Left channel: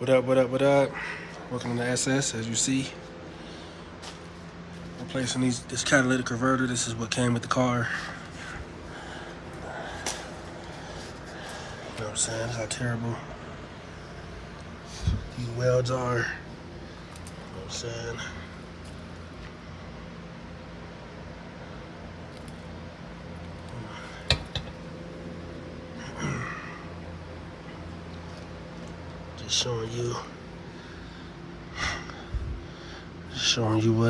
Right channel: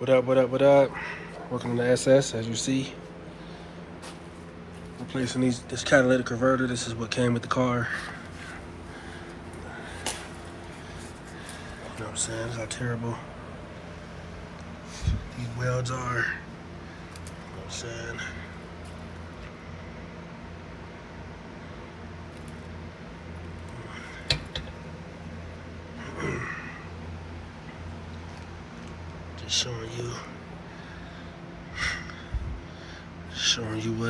What up, what up, what up? Welcome to the SS. As you see, replacing this catalytic converter. This is what came with the car. You know what I'm saying? How terrible these welds are. You know what I'm saying? Just showing you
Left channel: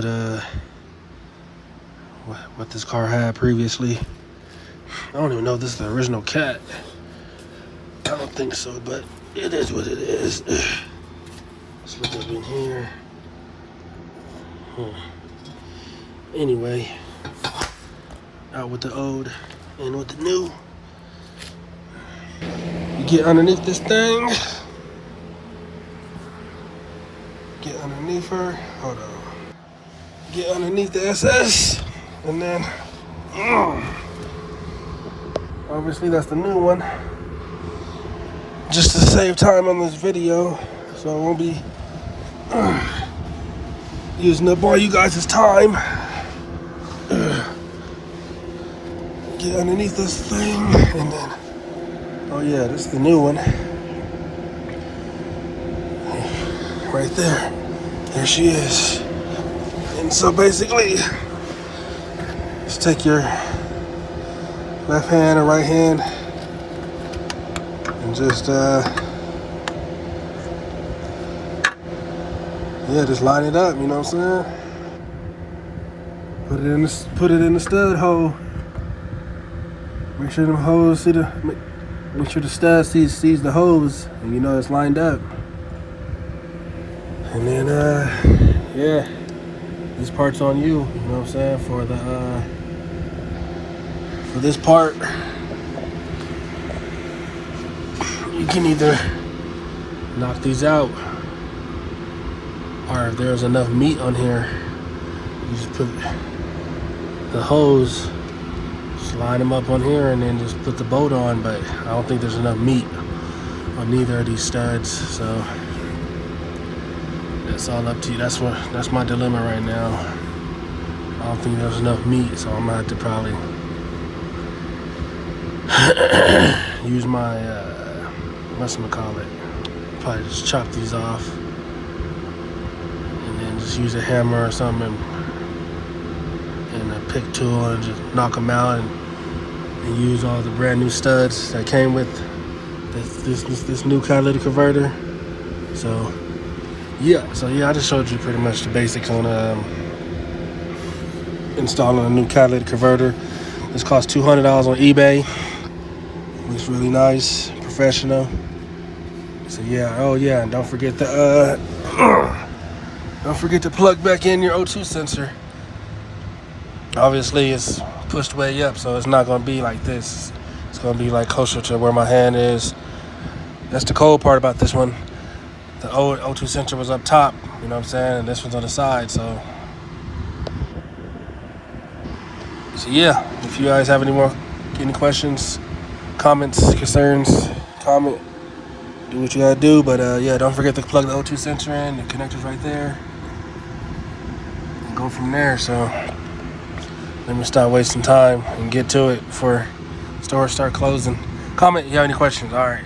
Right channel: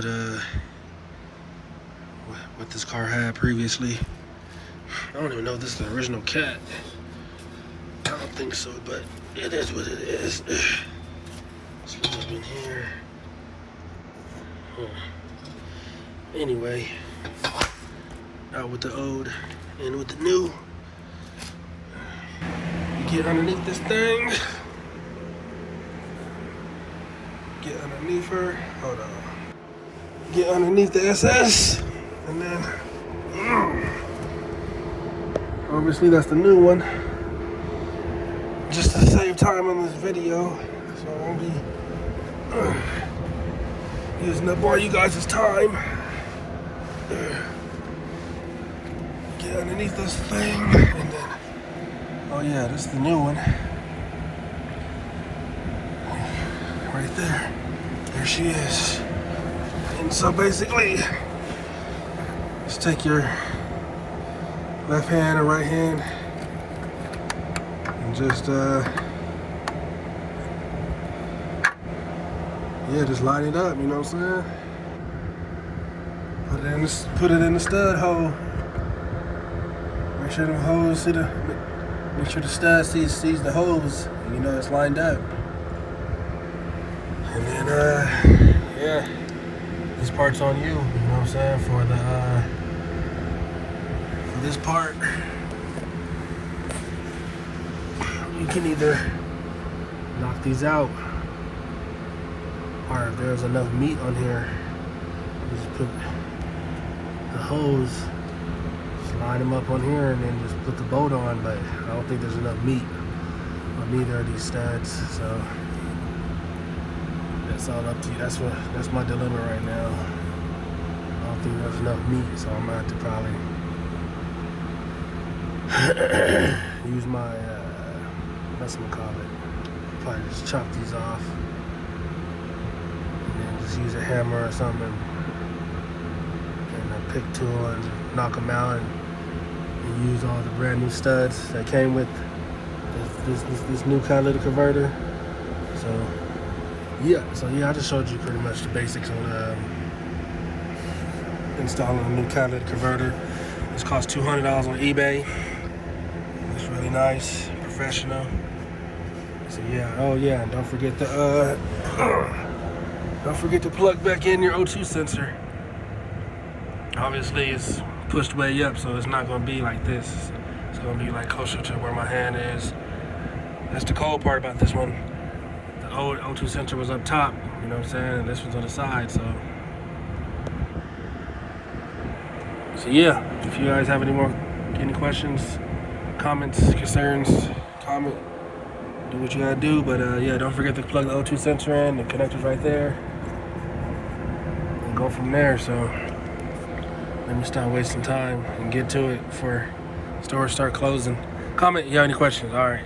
what this car had previously. I don't even know if this is the original cat. I don't think so, but it is what it is. Let's look up in here. Anyway, out with the old and with the new. You get underneath this thing. Get underneath her. Hold on. Get underneath the SS. And then, obviously that's the new one. Just to save time on this video, so I won't be using up all you guys' time. Get underneath this thing, and then, oh yeah, this is the new one. Right there. There she is. And so basically, just take your left hand or right hand and just just line it up, you know what I'm saying? Put it in the stud hole. Make sure the hose make sure the stud sees the hose, and you know it's lined up. And then this part's on you, you know what I'm saying? For this part, you can either knock these out, or if there's enough meat on here, you just put the hose, slide them up on here, and then just put the bolt on. But I don't think there's enough meat on neither of these studs, so it's all up to you. That's my dilemma right now. I don't think there's enough meat, so I'm gonna have to probably use my probably just chop these off, and then just use a hammer or something and a pick tool and just knock them out, and use all the brand new studs that came with this new catalytic converter. So yeah, I just showed you pretty much the basics on installing a new catalytic converter. This costs $200 on eBay. Looks really nice, professional. So yeah, oh yeah, and don't forget to plug back in your O2 sensor. Obviously, it's pushed way up, so it's not gonna be like this. It's gonna be like closer to where my hand is. That's the cold part about this one. The old O2 sensor was up top, you know what I'm saying, and this one's on the side, so yeah, if you guys have any questions, comments, concerns, comment, do what you gotta do, but yeah, don't forget to plug the O2 sensor in, the connector's right there, and go from there. So let me stop wasting time and get to it before stores start closing. Comment if you have any questions. All right.